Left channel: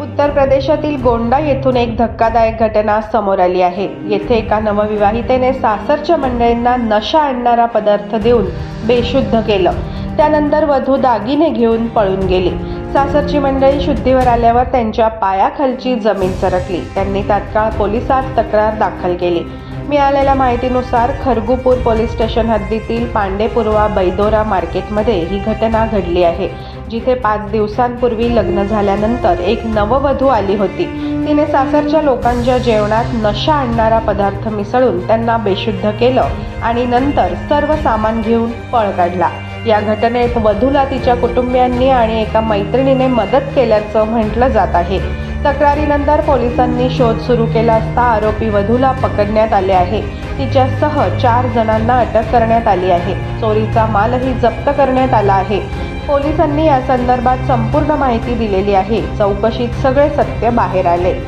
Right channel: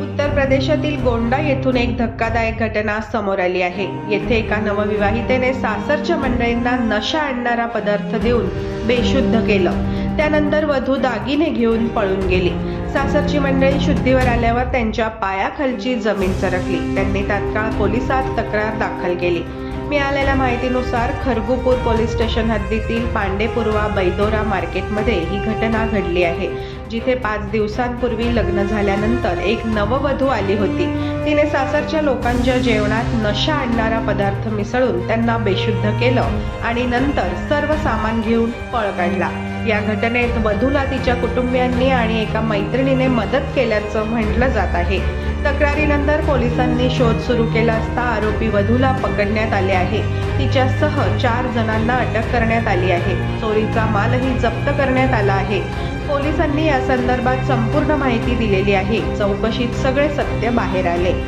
उत्तर प्रदेशातील गोंडा येथून एक धक्कादायक घटना समोर आली आहे. येथे एका नवविवाहितेने सासरच्या मंडळींना नशा आणणारा पदार्थ देऊन बेशुद्ध केलं. त्यानंतर वधू दागिने घेऊन पळून गेली. सासरची मंडळी शुद्धीवर आल्यावर त्यांच्या पायाखालची जमीन सरकली. त्यांनी तात्काळ पोलिसात तक्रार दाखल केली. मिळालेल्या माहितीनुसार खरगुपूर पोलीस स्टेशन हद्दीतील पांडेपुरवा बैदोरा मार्केटमध्ये ही घटना घडली आहे. जिथे पाच दिवसांपूर्वी लग्न झाल्यानंतर एक नववधू आली होती. तिने सासरच्या लोकांच्या जेवणात नशा आणणारा पदार्थ मिसळून त्यांना बेशुद्ध केलं आणि नंतर सर्व सामान घेऊन पळ काढला. या घटनेत वधूला तिच्या कुटुंबियांनी आणि एका मैत्रिणीने मदत केल्याचं म्हटलं जात आहे. तक्रारीनंतर पोलिसांनी शोध सुरू केला असता आरोपी वधूला पकडण्यात आले आहे. तिच्यासह चार जणांना अटक करण्यात आली आहे. चोरीचा मालही जप्त करण्यात आला आहे. पोलिसांनी या संदर्भात संपूर्ण माहिती दिलेली आहे. चौकशीत सगळे सत्य बाहेर आले.